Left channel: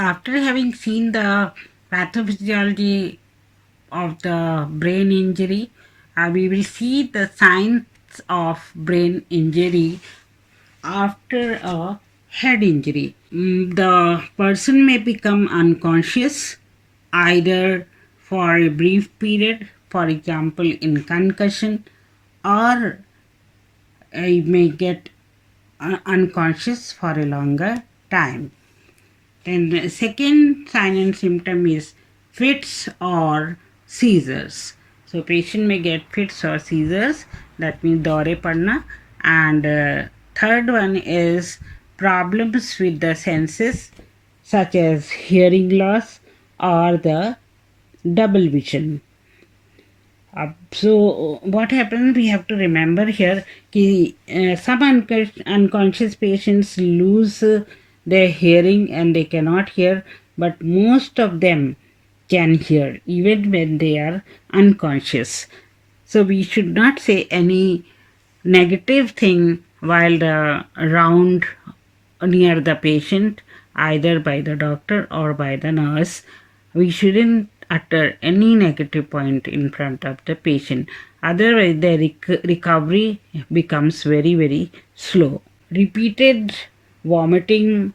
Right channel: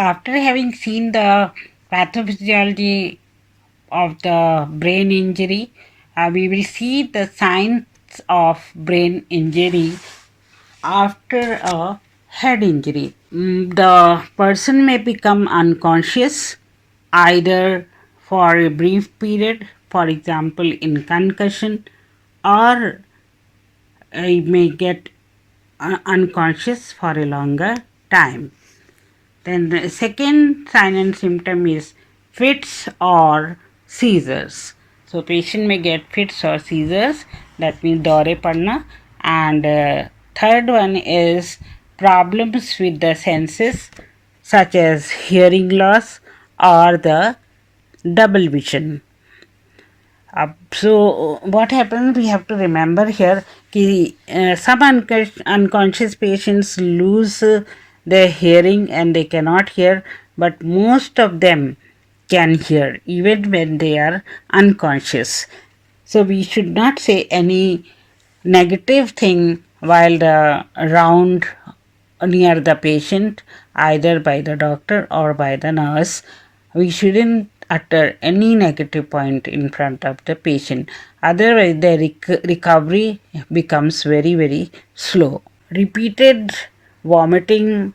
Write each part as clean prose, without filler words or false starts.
after having seen the pathophysiology of the brain injury, we will see the signs of brain injury after a head injury. The person may become unconscious either for a brief period, for example, in concussion, or may get unconscious for a longer time. Then the second sign and symptom is fits or seizures. So patient may get fits or seizures, that means dore padna. And third one is problems with the senses such as hearing loss or the double vision. So what happens, we have to remember here कि some unconscious patients lose their hearing and they cannot hear, but most of them can hear even when they are unconscious. So we should not say any negative thing while the around near the patient, either by the doctor or by the nurse. We shouldn't utter any negative point in front of the patient. Otherwise, the recovery becomes very, very slow. Repeated vomiting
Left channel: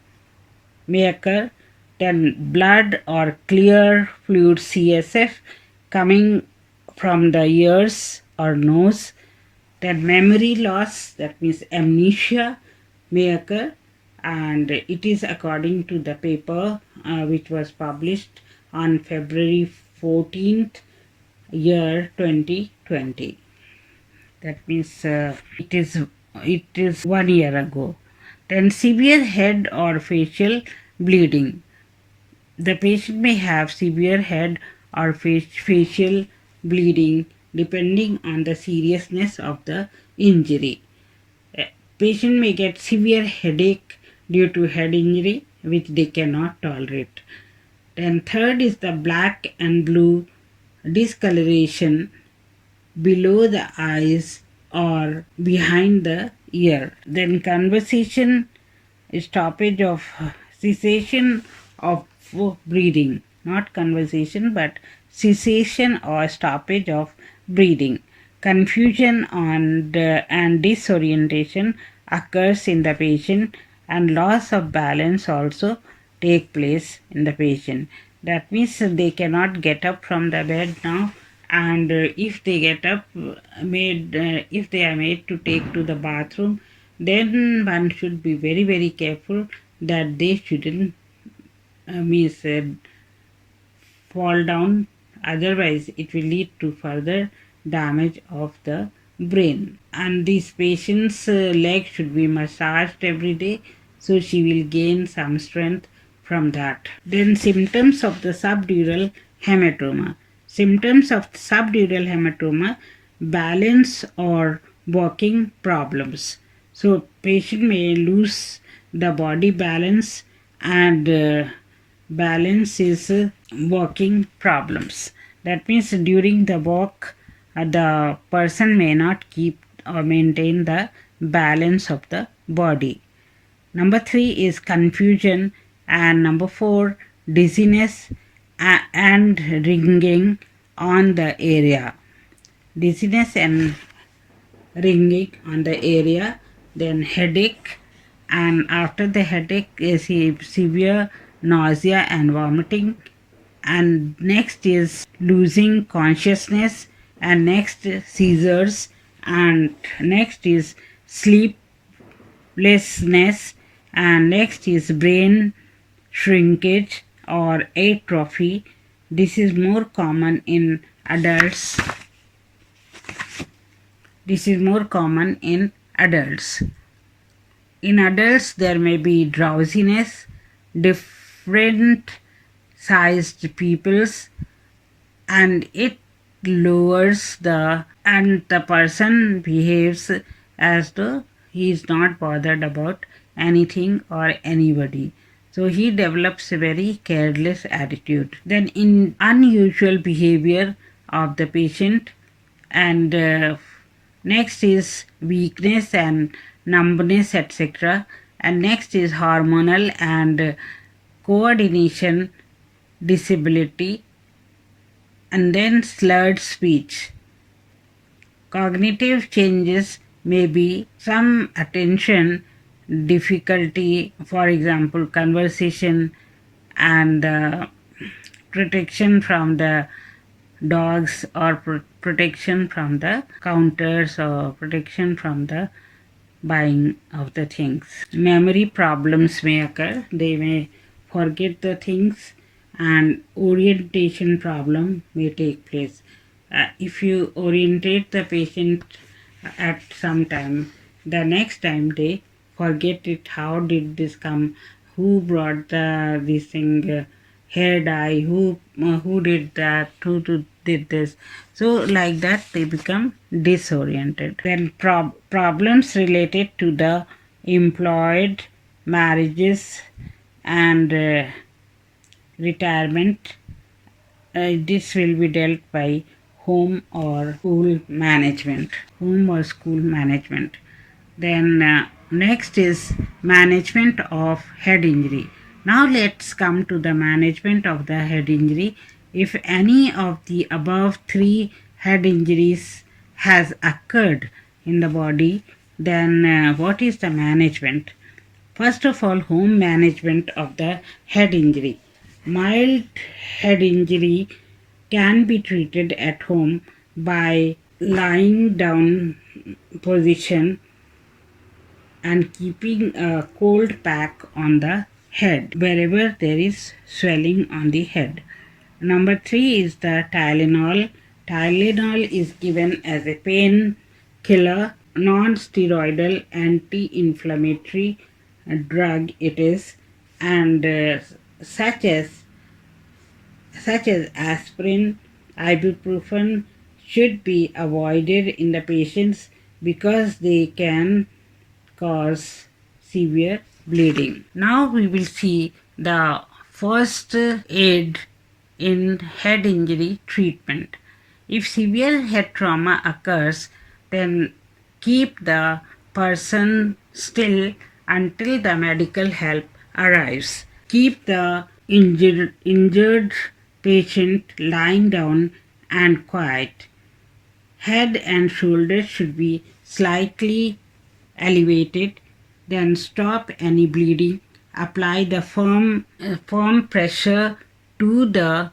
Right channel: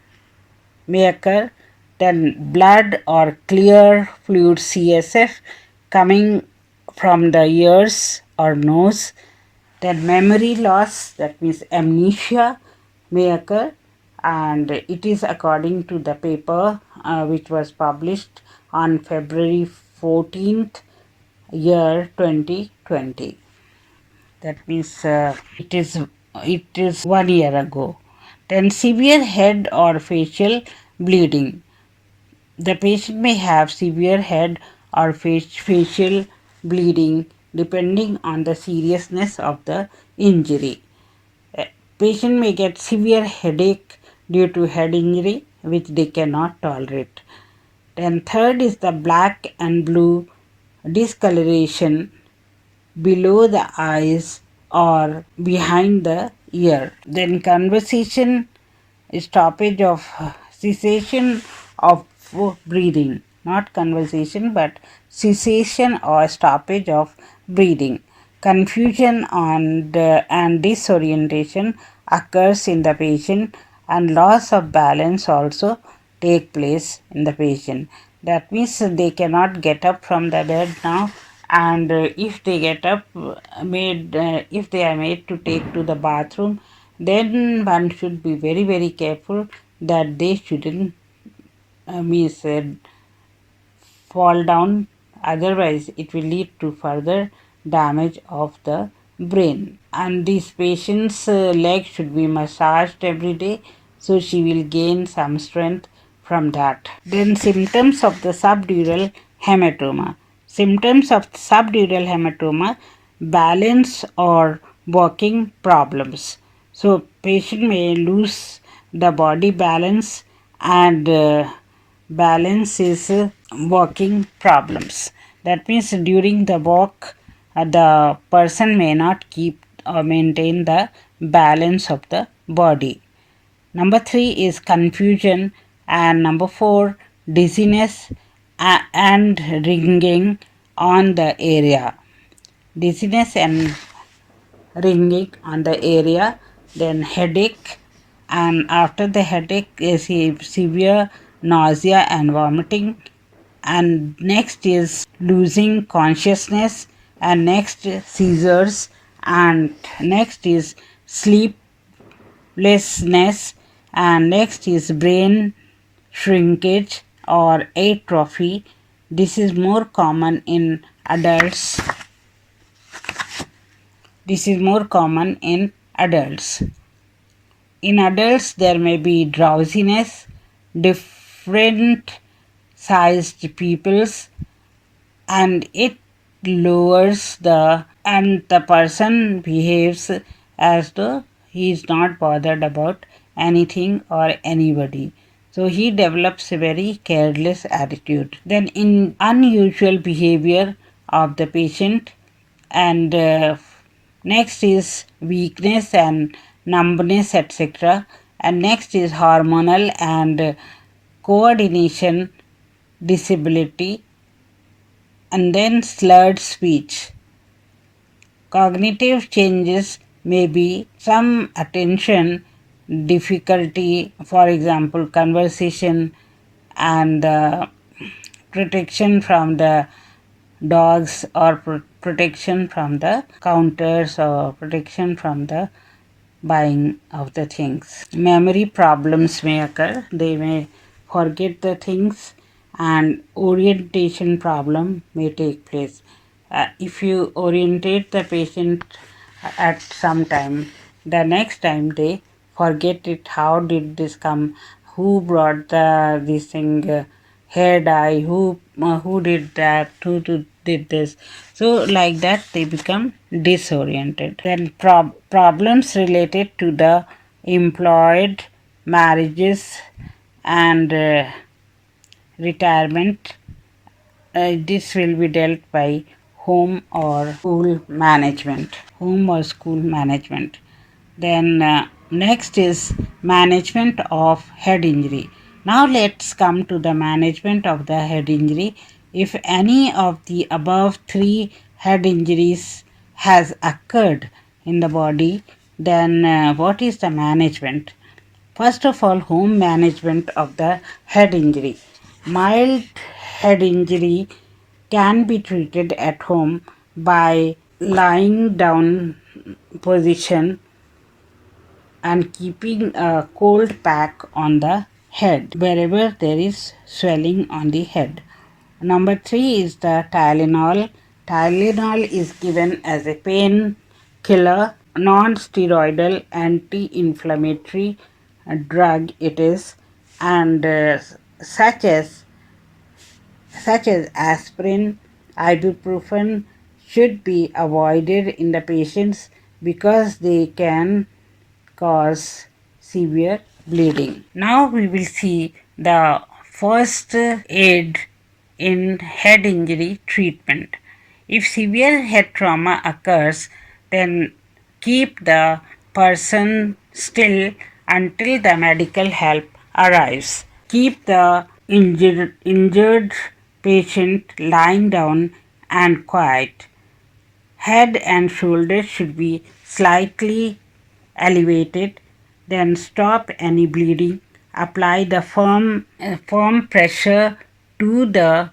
may occur, then blood or clear fluid CSF coming from the ears or nose, then memory loss, that means amnesia, may occur, and it is according to the paper which was published on February 14th, year 2020. That means it is 1 year ago. Then severe head or facial bleeding. The patient may have severe head or facial bleeding depending on the seriousness of the injury. A patient may get severe headache due to head injury which they cannot tolerate. Then third is the black and blue discoloration below the eyes or behind the ear. Then conversation, stoppage of cessation of breathing, not conversation but cessation or stoppage of breathing. Confusion and disorientation occurs in the patient, and loss of balance also take place in the patient. That means they cannot get up from the bed now, and if they get up, if they are made to take to the bathroom, then one should be very, very careful that they shouldn't fall down, otherwise it will lead to further damage of the brain. And this patient's leg should be massaged every day, so she will gain some strength from that. Then symptoms of the subdural hematoma. Symptoms of subdural hematoma: balance or walking problems. So patient may lose the body balance, and balance is walking problems. That means during the walk, the person may not keep or maintain the balance of the body. Number 3 is confusion, and number 4, dizziness and ringing on the area. Dizziness and ringing on the area, then headache, and after the headache is severe nausea and vomiting, and next is losing consciousness, and next seizures, and next is sleeplessness, and next is brain shrinkage or atrophy. This is more common in adults. In adults, there may be drowsiness, different sized pupils, and it lowers and the person behaves as though he is not bothered about anything or anybody. So he develops a very careless attitude. Then in unusual behavior of the patient, and next is weakness and numbness, etc. And next is hormonal and coordination disability, and then slurred speech. Cognitive changes may be some attention difficulty, for example, conversation and protection from the dogs, or protection from the counters, or protection from the buying of the things. Memory problems may occur. They may forget the things, and orientation problem may take place. If you orientate the patient at some time, the next time they forget it. How did this come? Who brought this thing? Hair dye? Who did that? Who did this? So like that they become disoriented. Then problems related to the employed, marriages, and retirement. This will be dealt by home or school management. Then next is management of head injury. Now let's come to the management of the head injury. If any of the above three head injuries has occurred in the body, then what is the management? First of all, home management of the head injury. Mild head injury can be treated at home by lying down position and keeping a cold pack on the head wherever there is swelling on the head. Number 3 is the Tylenol. Tylenol is given as a pain killer, non-steroidal anti-inflammatory drug it is, and such as aspirin, ibuprofen should be avoided in the patients because they can cause severe bleeding. Now we will see the first aid in head injury treatment. If severe head trauma occurs, then keep the person still until the medical help arrives. Keep the injured patient lying down and quiet. Head and shoulders should be slightly elevated. Then stop any bleeding. Apply the firm pressure to the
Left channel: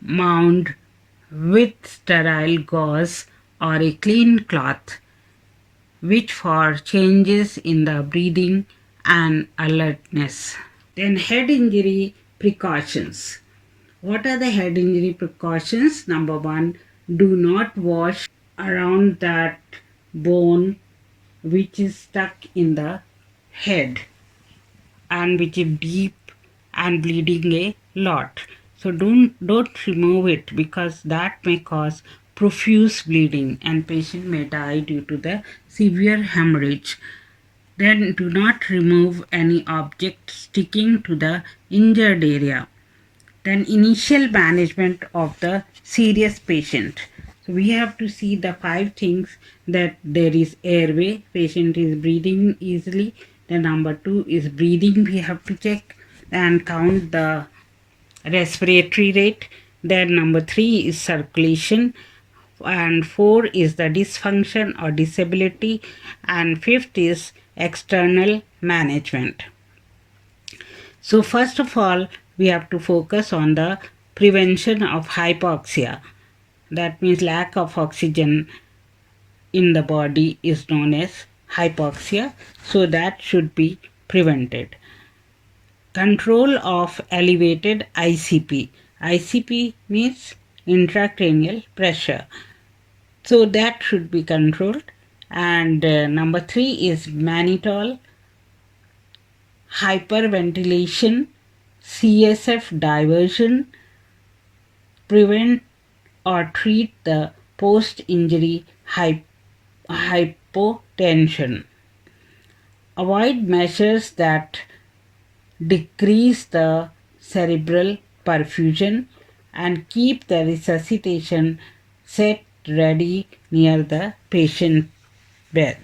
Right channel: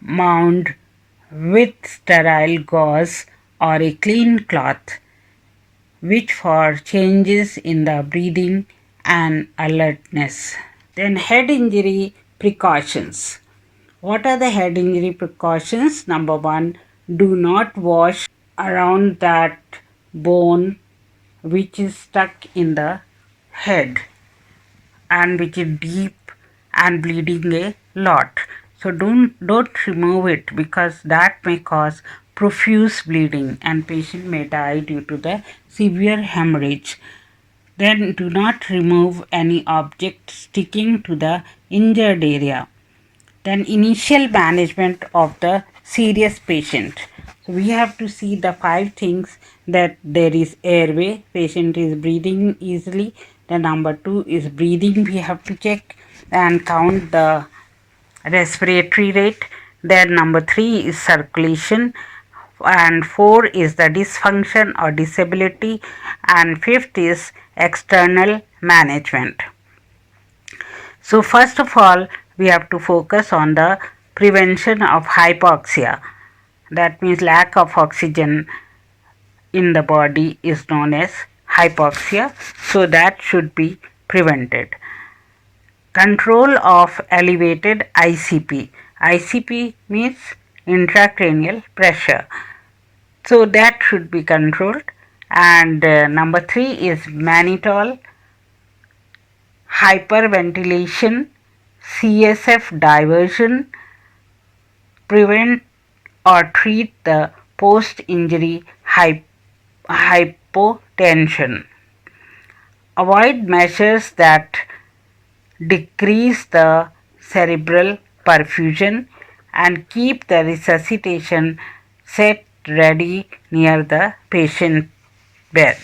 mound with sterile gauze or a clean cloth, which for changes in the breathing and alertness. Then head injury precautions. What are the head injury precautions? Number 1, do not wash around that bone which is stuck in the head and which is deep and bleeding a lot. So don't remove it, because that may cause profuse bleeding and patient may die due to the severe hemorrhage. Then do not remove any object sticking to the injured area. Then initial management of the serious patient. So we have to see the 5 things, that there is airway, patient is breathing easily. Then number 2 is breathing, we have to check and count the respiratory rate. Then number 3 is circulation, and 4 is the dysfunction or disability, and 5th is external management. So first of all, we have to focus on the prevention of hypoxia. That means lack of oxygen in the body is known as hypoxia. So that should be prevented. Control of elevated ICP. ICP means intracranial pressure. So that should be controlled. And number 3 is mannitol, hyperventilation, CSF diversion, prevent or treat the post-injury hypotension. Avoid measures that decrease the cerebral perfusion, and keep the resuscitation set ready near the patient bed.